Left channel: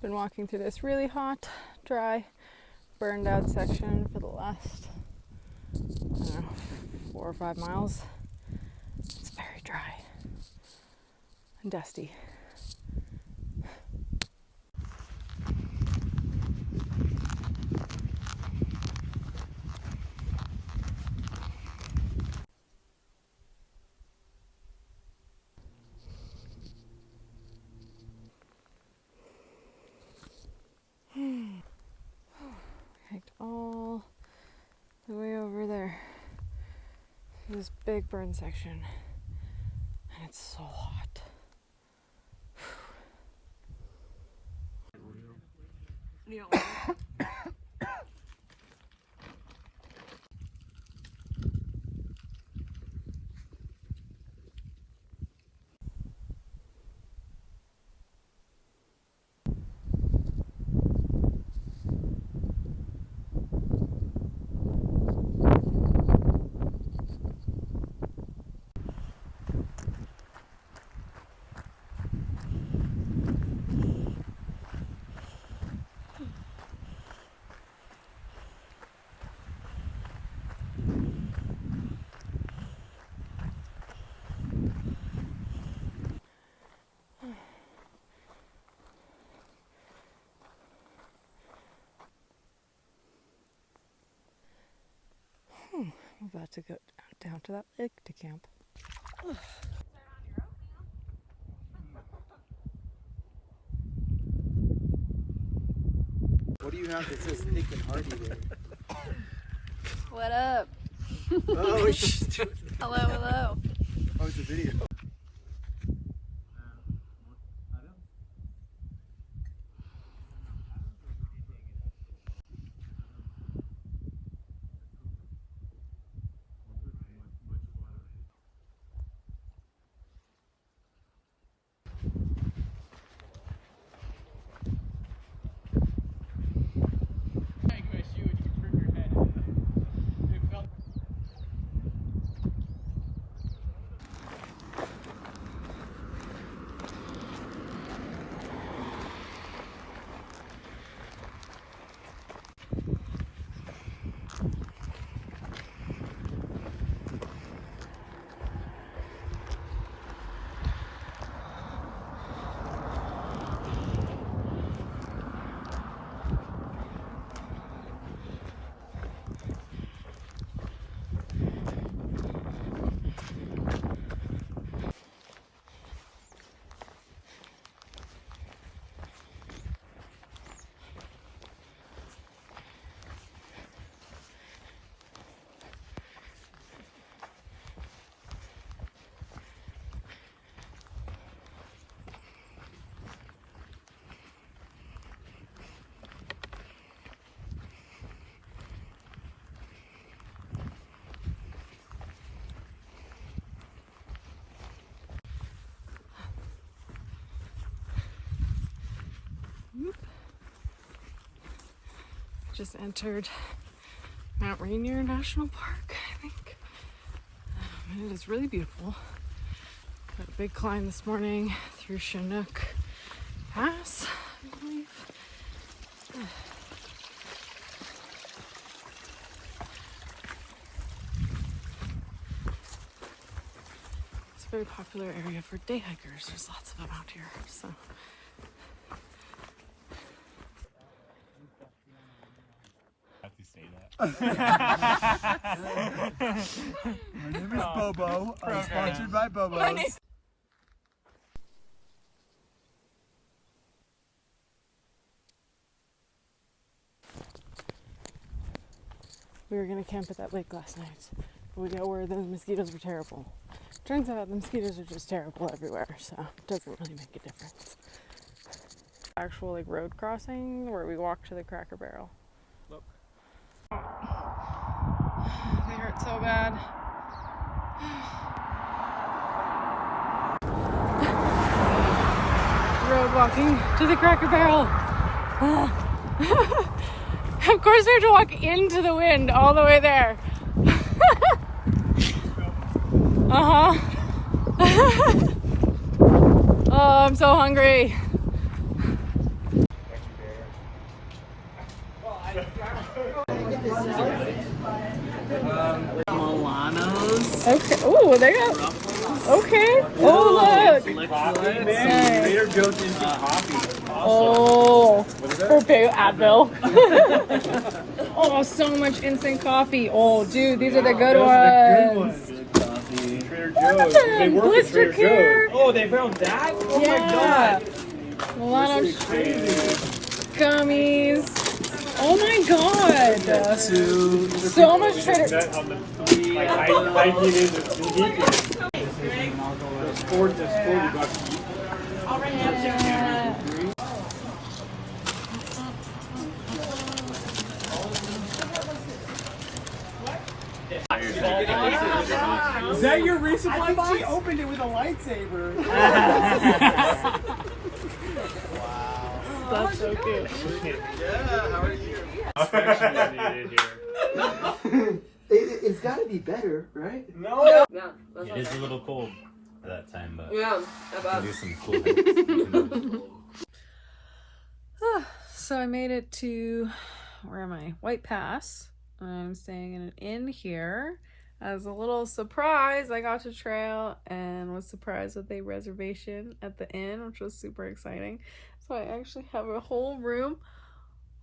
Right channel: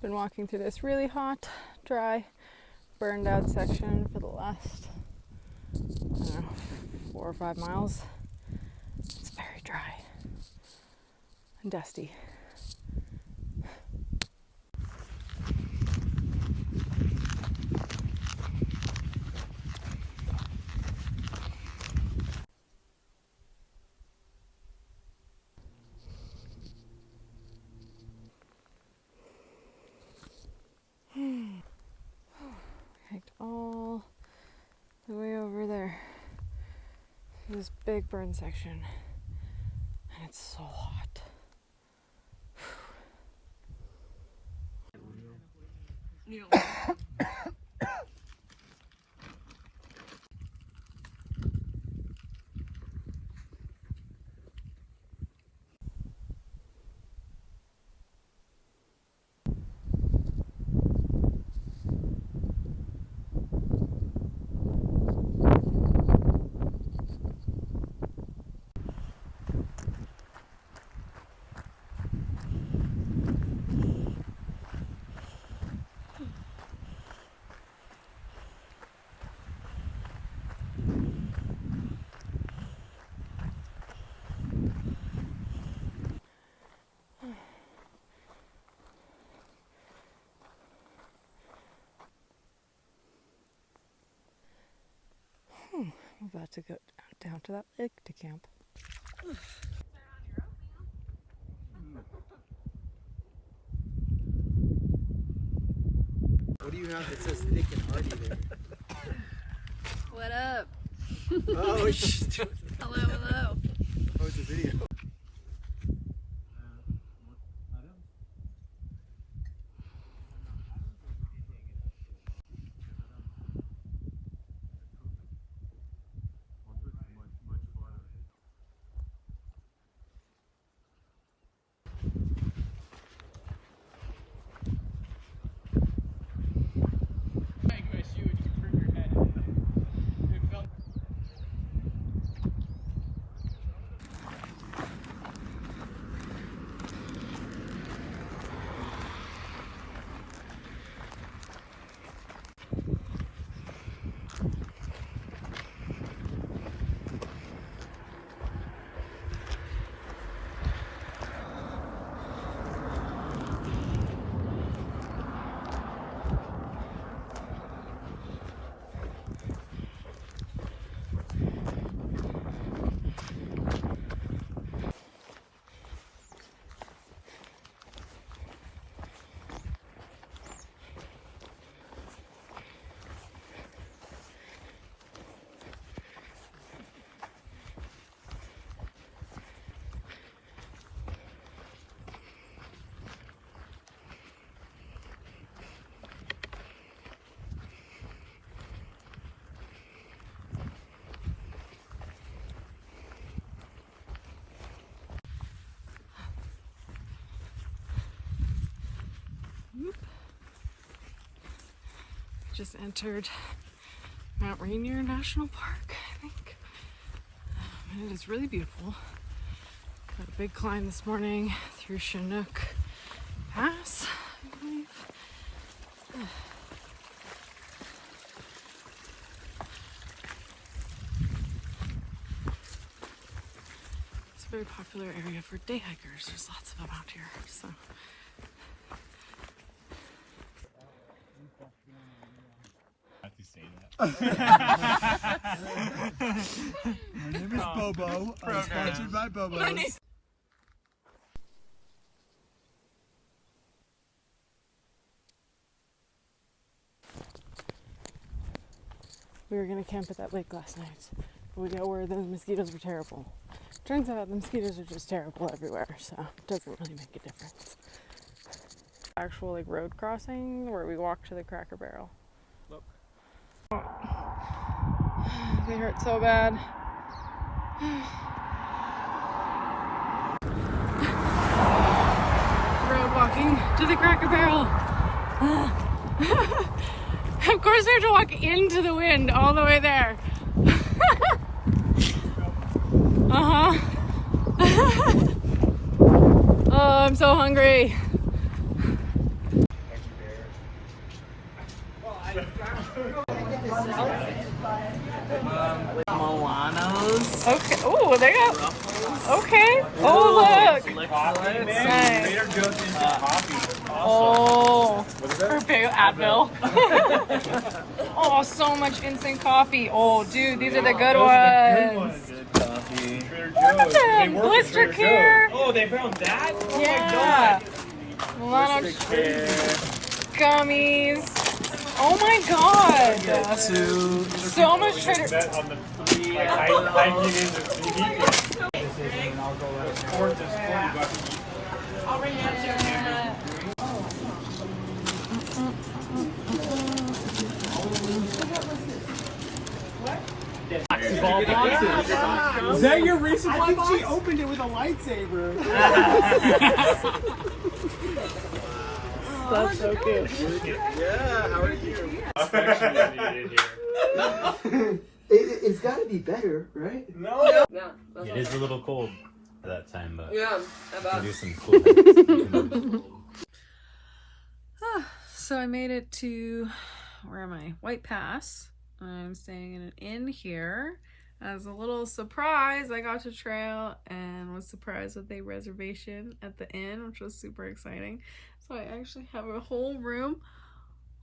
Been walking through this really hot, dry, burned out section for the last, I don't know, 4 or 5 miles. It's very dry and dusty. Hiked all the way over there. This big burn section, and it's so hot. I'm about to go down to that lake to camp. What do you have that says thick and hearty there? What up? Oh, shit. Hello, hello. Oh, it's a video. Just entered Mount Rainier National Park, I think. And it is really beautiful. Got a big climb this morning through Chinook Pass, I believe. It's a very popular area for day hikers. There's lots of them out here, so. My name is Bobo. I'm sponsored by Bobo's. We were gonna camp at that lake last night, but we got word that the mosquitoes were terrible. Turns out the mosquitoes are just terrible everywhere, so it doesn't really make a difference. Actual like road crossing where we walked to the Cracker Barrel. They hurt so bad. Road walking to the Cracker Barrel. Of course we have to walk into the wind all the way there. Uh-huh. Oh, I'm so hungry. Okay. Oh, they got. Okay. Oh, look. Nice. Oh, her big Advil. Oh, so much instant coffee. Oh, dude, these are the good ones. Look at them. Blister Care. Oh, they found that? Yeah. Milano gummies. Oh my god. So much Trader. Is that your resupply box? She opened it with a lightsaber. That's so cute. It's got to be better, right? No. Yeah, It is a little cold at that time, but yeah, we can do some cool things. So I made it to, where am I? White Pass. I'm staying in an inn here. As a little surprise, I got to trail and was surprised with a reservation at the inn, which was super exciting. So I actually have a whole room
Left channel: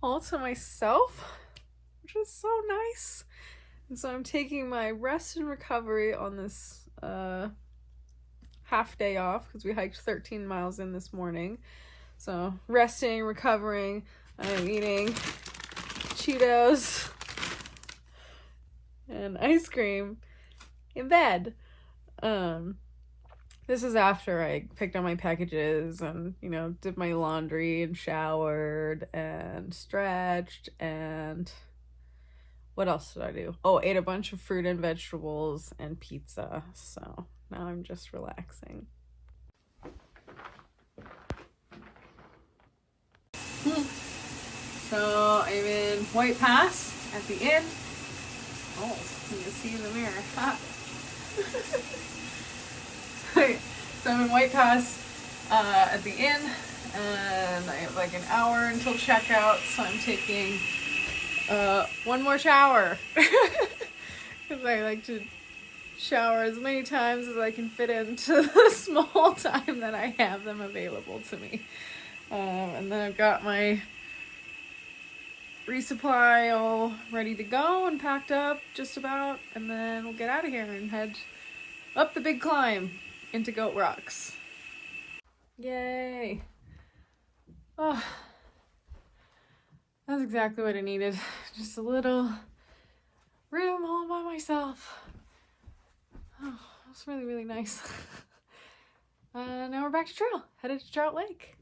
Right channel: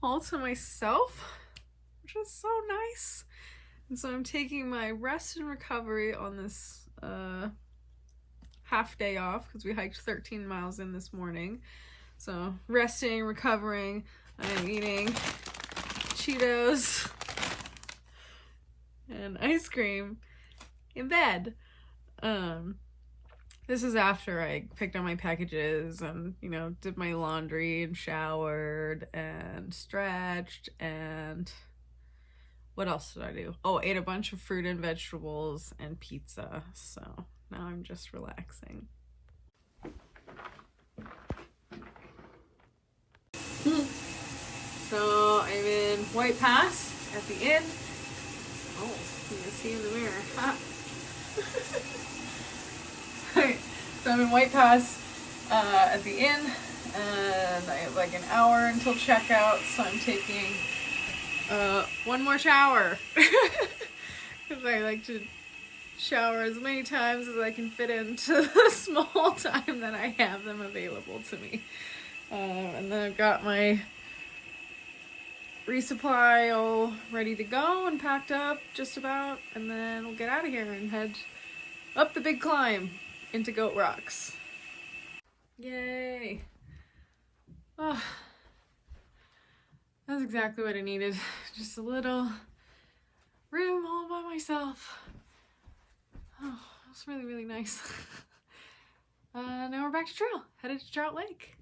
all to myself, which is so nice. And so I'm taking my rest and recovery on this half day off because we hiked 13 miles in this morning. So resting, recovering, I'm eating Cheetos and ice cream in bed. This is after I picked up my packages and, you know, did my laundry and showered and stretched and what else did I do? Oh, ate a bunch of fruit and vegetables and pizza. So now I'm just relaxing. So I'm in White Pass at the inn. Oh, you can see in the mirror. So I'm in White Pass at the inn, and I have like an hour until checkout, so I'm taking one more shower because I like to shower as many times as I can fit into the small time that I have them available to me. And then I've got my resupply all ready to go and packed up just about, and then we'll get out of here and head up the big climb into Goat Rocks. Yay! Oh, that's exactly what I needed. Just a little room all by myself. Oh, that's really, really nice. Now we're back to trail, headed to Trout Lake.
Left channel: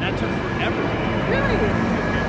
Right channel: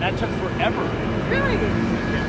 That took forever. Really?